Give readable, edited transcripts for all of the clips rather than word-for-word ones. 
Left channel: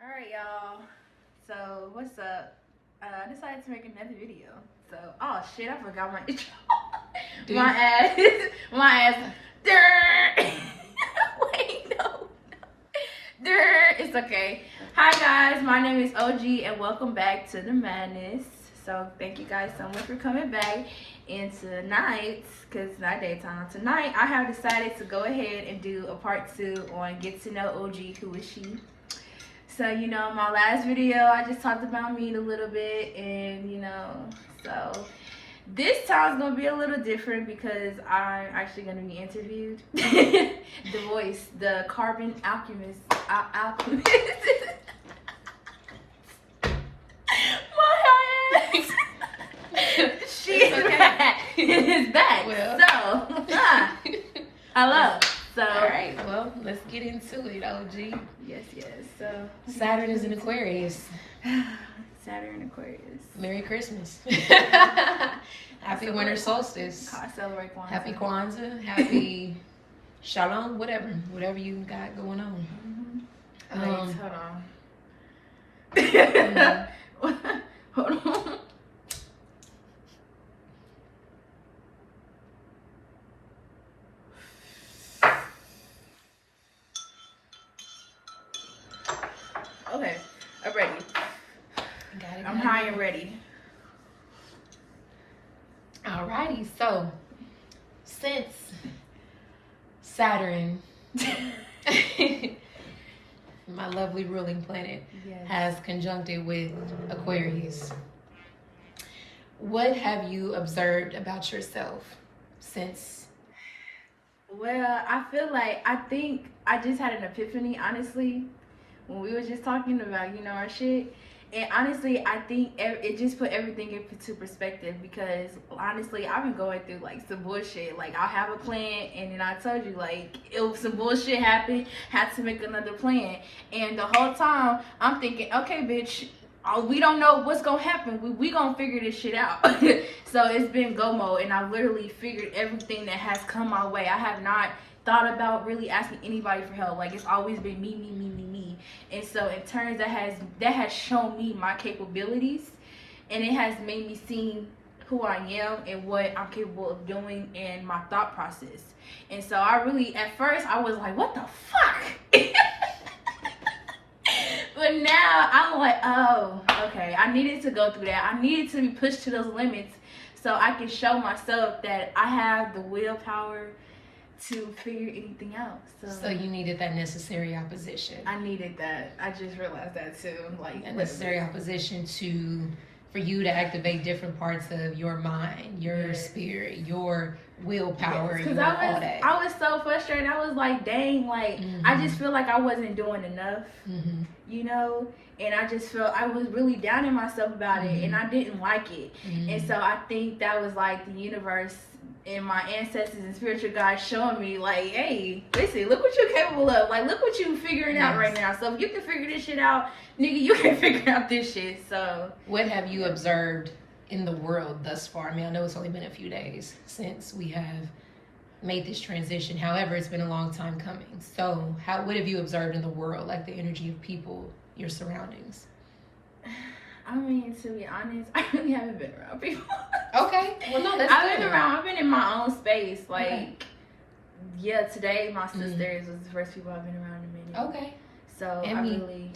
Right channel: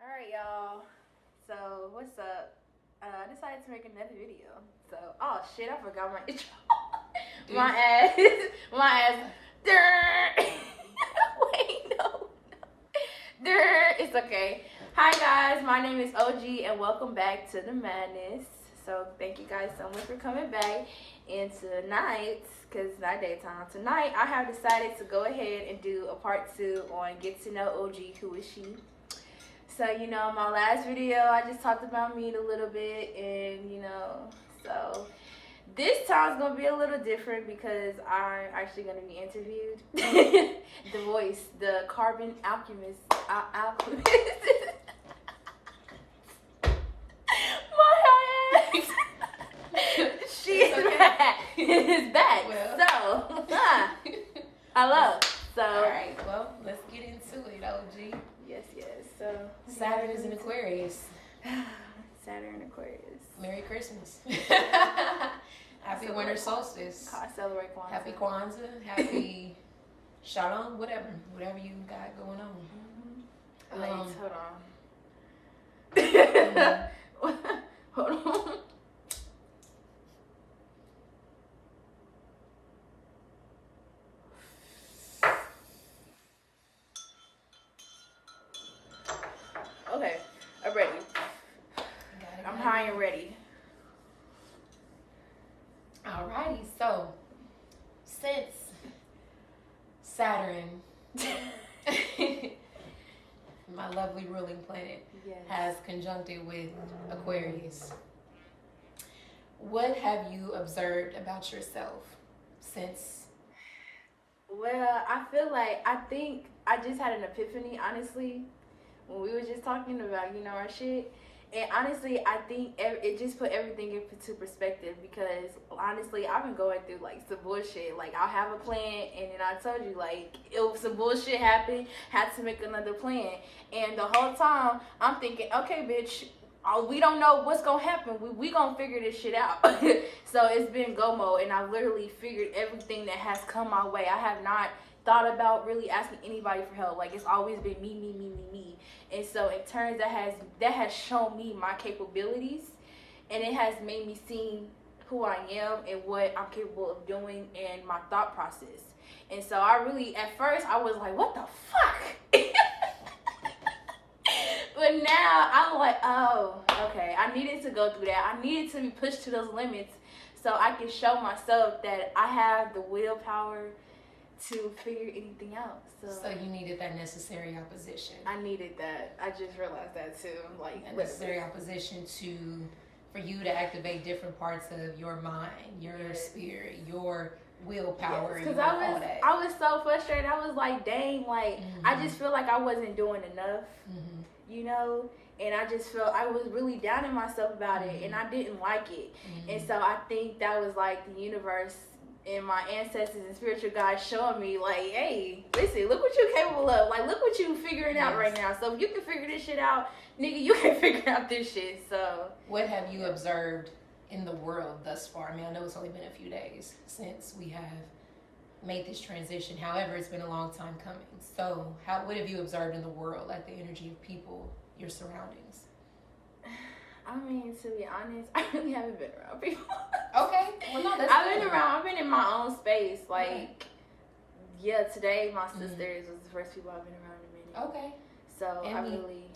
All right, y'all. So what's up? I decided to make another video. So, oh shit, I forgot my intro. my ass, my ass. Wait, no. It's okay. Hi guys, my name is OG and welcome back to the madness. So thank you guys so much for coming back. And tonight, because it's not daytime, tonight I have decided to go ahead and do a part 2 on Get to Know OG, Who Is She. So, you know, my last video, I just talked about me a little bit, and, you know, so this time's going to be a little different because I'm actually going to be interviewed. The voice, the carbon alchemist. Alchemist. My ass. She's back. It's back. Well. So, hello. So, all right, well, let's get into it, OG. Yes. So, Saturn is in Aquarius. Saturn Aquarius. Merry Christmas. Happy winter solstice. I celebrate Kwanzaa. Happy Kwanzaa. Happy Shalom. Whatever you got going on. Wait, hold on. Hold on. Okay, I'm ready. I'm high and ready. Alrighty, so since Saturn, my lovely ruling planet, has conjuncted with Aquarius, what have you observed about yourself since? Well, I think I just had an epiphany, honestly, when we were just talking about, you know, our shit. And honestly, I think it just put everything into perspective because honestly, I've been going through like some bullshit. Like I'll have a plan and then I told you like if some bullshit happened, had to make another plan. And the whole time I'm thinking, okay, bitch, we don't know what's gonna happen. We gonna figure this shit out. So it's been go mode and I've literally figured everything that has come my way. I have not thought about really asking anybody for help. Like it's always been me. And so in turns that has shown me my capabilities and it has made me see who I am and what I'm capable of doing and my thought process. And so I really, at first I was like, what the fuck? But now I'm like, oh, okay. I needed to go through that. I needed to be pushed to those limits so I can show myself that I have the willpower to figure anything out. So you needed that necessary opposition. I needed that. I just realized that too. Like a necessary opposition for you to activate different parts of your mind, your spirit, your willpower. Because I was so frustrated. I was like, dang, like I just feel like I wasn't doing enough. You know? And I just felt I was really down on myself about it and I didn't like it. And so I think that was like the universe and my ancestors and spiritual guides showing me like, hey, listen, look what you're capable of. Like, look what you figuring out right now. So if you can figure this shit out, nigga, you can figure out this shit. So what have you observed in the world thus far? I mean, I know it's only been a few days since we have made this transition. However, it's been a long time coming. So what have you observed in the world, like the energy of people, your surroundings? I mean, to be honest, I really haven't been around people. Okay. Well, no, that's I've been in my own space. Like, today my sisters was the first people I've been around in a minute. Okay. So and I me. really,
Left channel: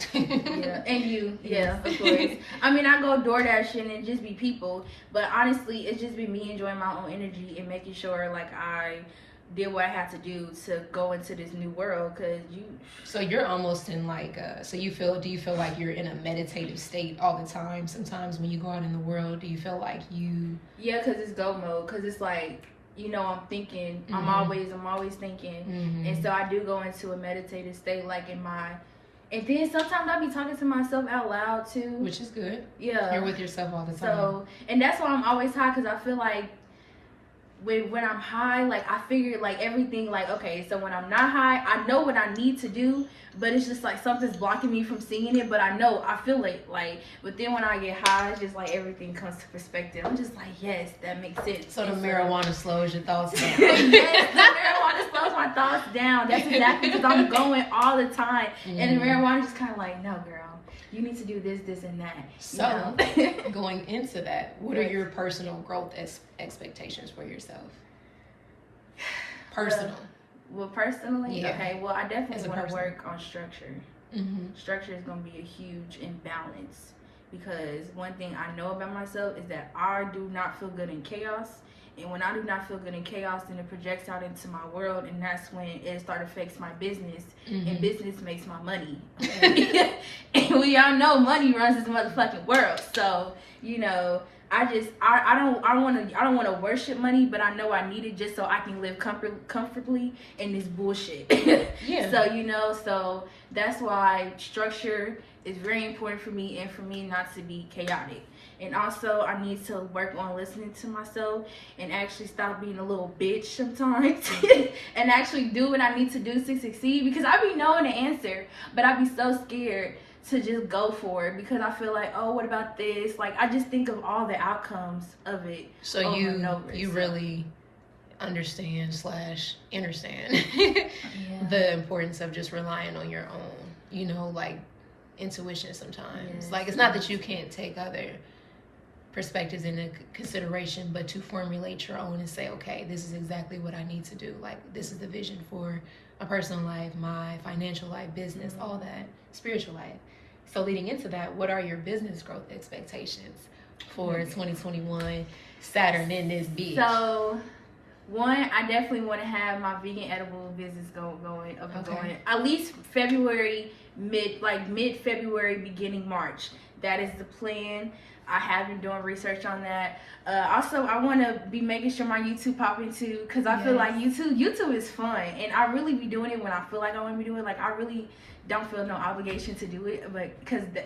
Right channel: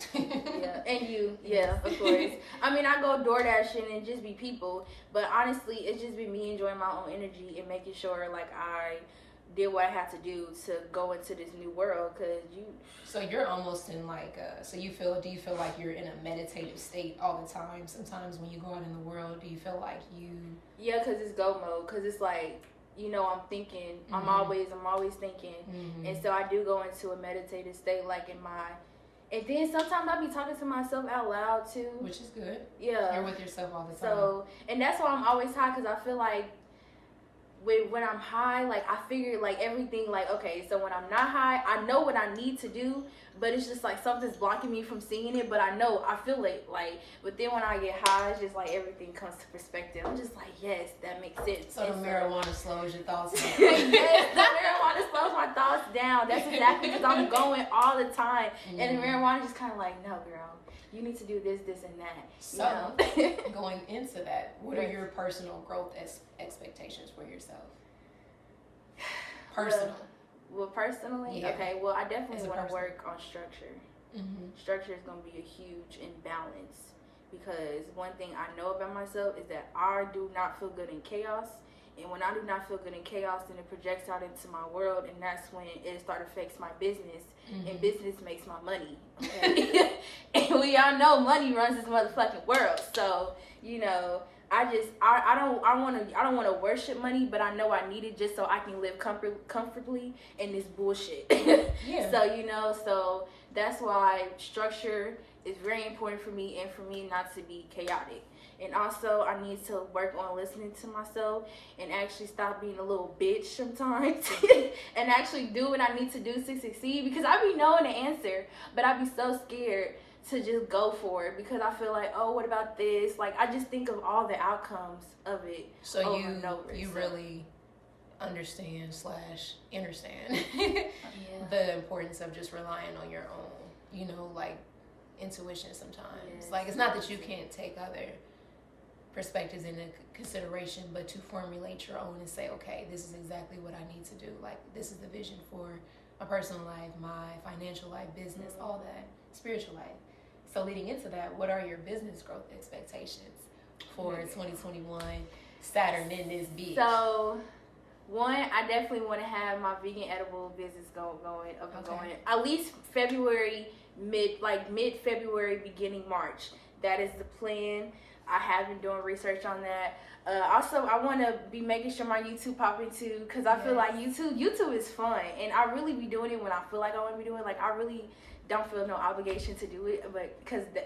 and you, of course. I mean, I go door dashing and just be people, but honestly, it's just been me enjoying my own energy and making sure like I did what I had to do to go into this new world. So you're almost in like do you feel like you're in a meditative state all the time? Sometimes when you go out in the world, do you feel like you? Yeah, because it's go mode. Because it's like, you know, I'm thinking. I'm always thinking, and so I do go into a meditative state, like in my. And then sometimes I be talking to myself out loud too, which is good. Yeah, you're with yourself all the time. So, and that's why I'm always high, because I feel like when I'm high, like I figure like everything, like okay, so when I'm not high, I know what I need to do, but it's just like something's blocking me from seeing it. But I feel it, like. But then when I get high, it's just like everything comes to perspective. I'm just like, yes, that makes sense. So the marijuana slows your thoughts down. Yes, the marijuana marijuana slows my thoughts down. That's exactly because I'm going all the time. And the marijuana just kind of like, no, girl, you need to do this, this, and that. So, going into that, what are your personal growth expectations for yourself? Personal. Well, personally, Yeah. okay. Well, I As definitely a want to person. work on structure. Structure is going to be a huge imbalance because one thing I know about myself is that I do not feel good in chaos. And when I do not feel good in chaos, then it projects out into my world, and that's when it affects my business, and business makes my money. And we all know money runs this motherfucking world. So, you know, I don't want to worship money, but I know I need it just so I can live comfortably in this bullshit. Yeah. So, you know, so that's why structure is very important for me, and for me not to be chaotic. And also, I need to work on listening to myself and actually stop being a little bitch sometimes and actually do what I need to do to succeed, because I be knowing the answer, but I be so scared to just go for it because I feel like, oh, what about this? Like, I just think of all the outcomes of it. So over you and over, so. really understand Yeah. the importance of just relying on your own, you know, like intuition sometimes. Yes. Like, it's not that you can't take other perspectives into consideration, but to formulate your own and say, okay, this is exactly what I need to do. Like, this is the vision for a personal life, my financial life, business, all that, spiritual life. So leading into that, what are your business growth expectations for 2021 Saturn in this bitch? So, one, I definitely want to have my vegan edible business going up and going. At least mid-February, beginning March. That is the plan. I have been doing research on that. Also, I want to be making sure my YouTube popping too, because I feel like YouTube is fun, and I really be doing it when I feel like I want to be doing it. Like, I really don't feel no obligation to do it, but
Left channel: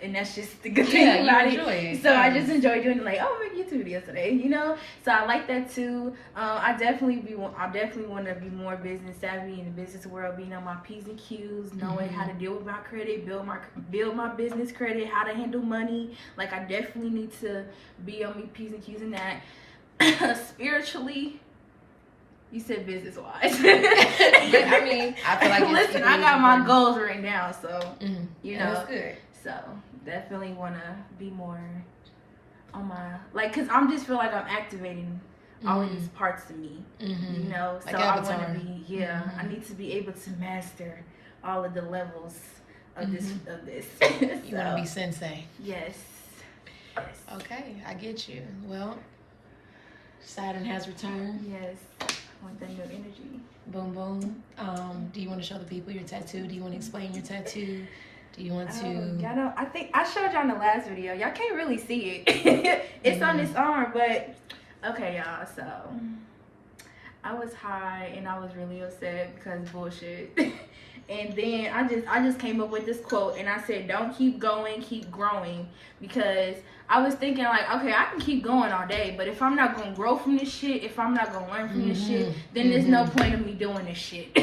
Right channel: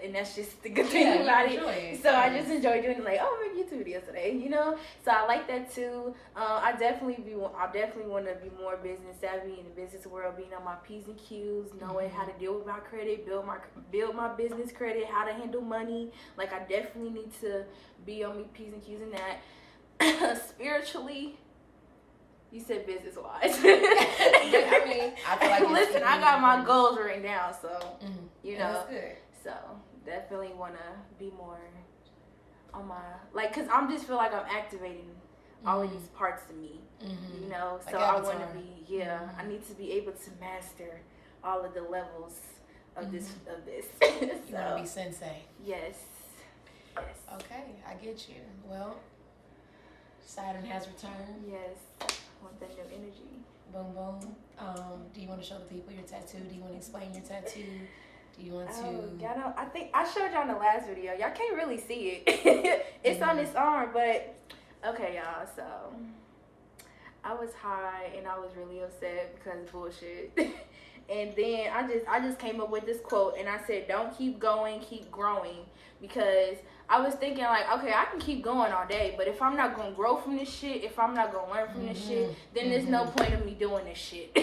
and that's just the good thing about it. So I just enjoy doing it. Like, oh, I made YouTube videos today, you know. So I like that too. I definitely want to be more business savvy in the business world, being on my P's and Q's, knowing how to deal with my credit, build my business credit, how to handle money. Like, I definitely need to be on my P's and Q's in that. Spiritually. You said business wise. I mean, I feel like listen, I got my goals written down, so you know. That's good. So definitely want to be more on my because I'm just feel like I'm activating all of these parts of me, you know. So I want to be I need to be able to master all of the levels of this. You want to be sensei. Yes. Okay, I get you. Well, Saturn has returned. Yes. I want that new energy. Boom, boom. Do you want to show the people your tattoo? Do you want to explain your tattoo? Do you want to? I think I showed y'all in the last video. Y'all can't really see it. It's on this arm, but okay, y'all. So I was high and I was really upset because bullshit. And then I just came up with this quote, and I said, "Don't keep going, keep growing," because I was thinking like, okay, I can keep going all day, but if I'm not gonna grow from this shit, if I'm not gonna learn from this shit, then there's no point in me doing this shit.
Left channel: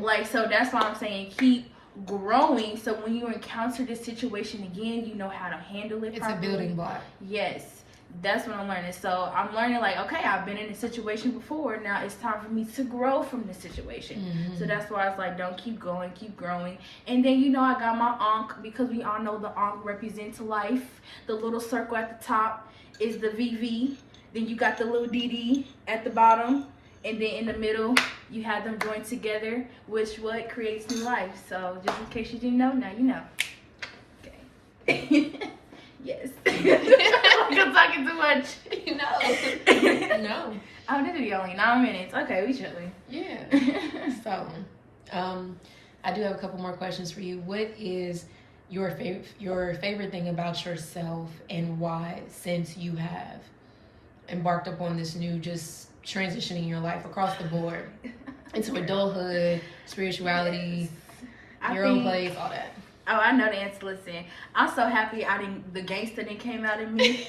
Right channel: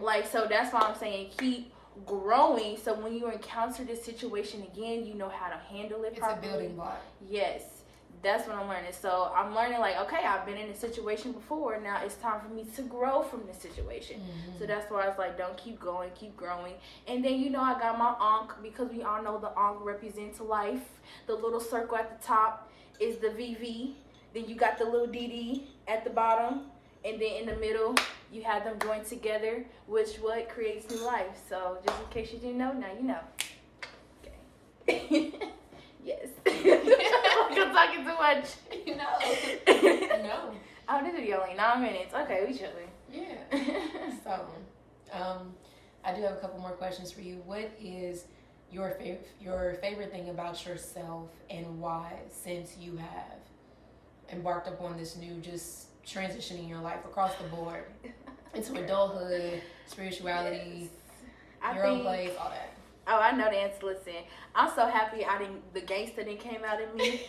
Like, so that's why I'm saying keep growing. So when you encounter this situation again, you know how to handle it properly. It's a building block. Yes. That's what I'm learning. So I'm learning like, okay, I've been in a situation before. Now it's time for me to grow from this situation. So that's why it's like, don't keep going, keep growing. And then, you know, I got my Ankh, because we all know the Ankh represents life. The little circle at the top is the VV. Then you got the little DD at the bottom. And then in the middle, you have them joined together, which what creates new life. So just in case you didn't know, now you know. Okay. Yes. I'm talking too much. No. Oh, this video only 9 minutes. Okay, we chilling. Yeah. So, I do have a couple more questions for you. What is your favorite thing about yourself, and why, since you have embarked upon this new just transitioning your life across the board into adulthood, spirituality, your own place, all that? Oh, I know the answer. Listen, I'm so happy the gangster that came out of me.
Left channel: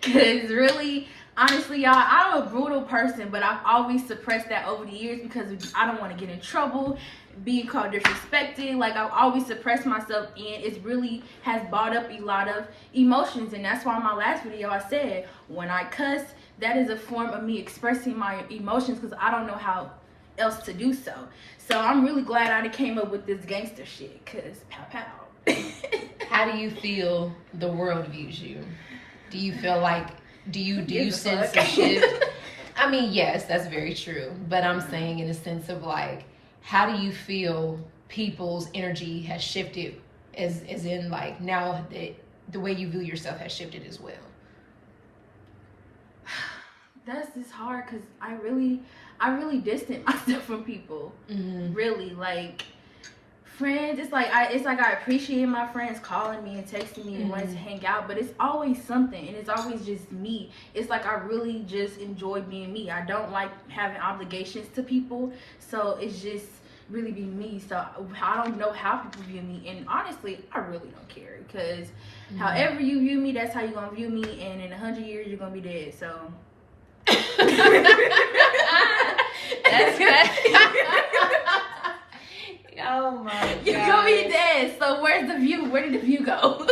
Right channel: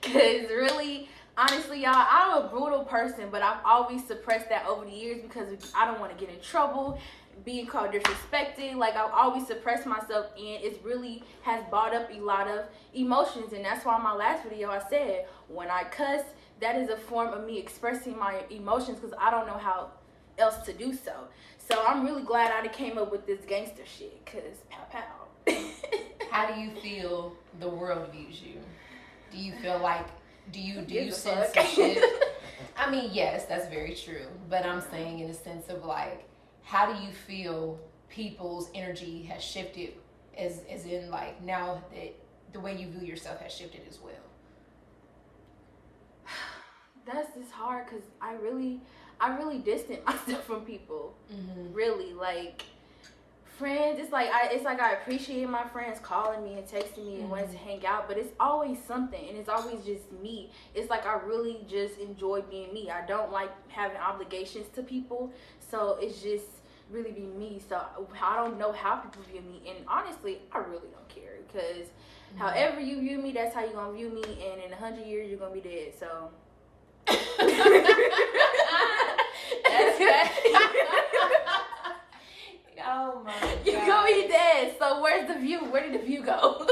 Because really, honestly, y'all, I'm a brutal person, but I've always suppressed that over the years because I don't want to get in trouble, being called disrespected. Like, I've always suppressed myself, and it really has brought up a lot of emotions. And that's why in my last video I said, when I cuss, that is a form of me expressing my emotions, because I don't know how else to do so. So I'm really glad I came up with this gangster shit, cause pow pow. How do you feel the world views you? Do you feel like do you sense a shift? I mean, yes, that's very true. But I'm saying in a sense of like, how do you feel people's energy has shifted as in like now that the way you view yourself has shifted as well? That's just hard because I really distant myself from people. Mm-hmm. Really, like friends. It's like I appreciate my friends calling me and texting me and wanting to hang out, but it's always something, and it's always just me. It's like I really just enjoy being me. I don't like having obligations to people, so it's just really be me. So I don't know how people view me, and honestly, I really don't care because however you view me, that's how you're gonna view me, and in 100 years you're gonna be dead. So. That's bad. Oh my god. You're gonna be dead. So where's the view? Where did the view go?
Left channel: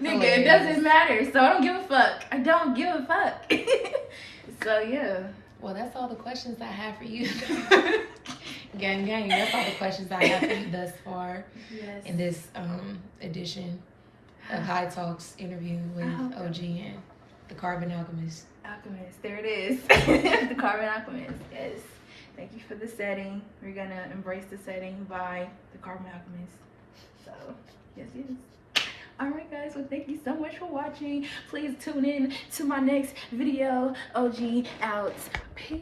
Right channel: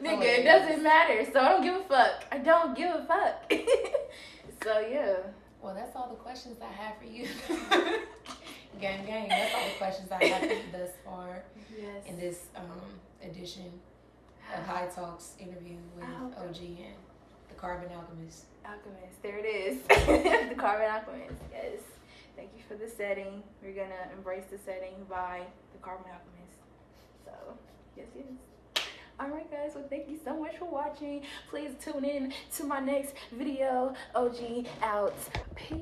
Nigga, it doesn't matter. So I don't give a fuck. I don't give a fuck. So yeah. Well, that's all the questions I have for you. Gang. That's all the questions I have for you thus far. Yes. In this edition of High Talks interview with OG and the Carbon Alchemist. Alchemist, there it is. The Carbon Alchemist, yes. Thank you for the setting. We're gonna embrace the setting by the Carbon Alchemist. So, yes. Alright guys, well thank you so much for watching. Please tune in to my next video. OG out. Peace.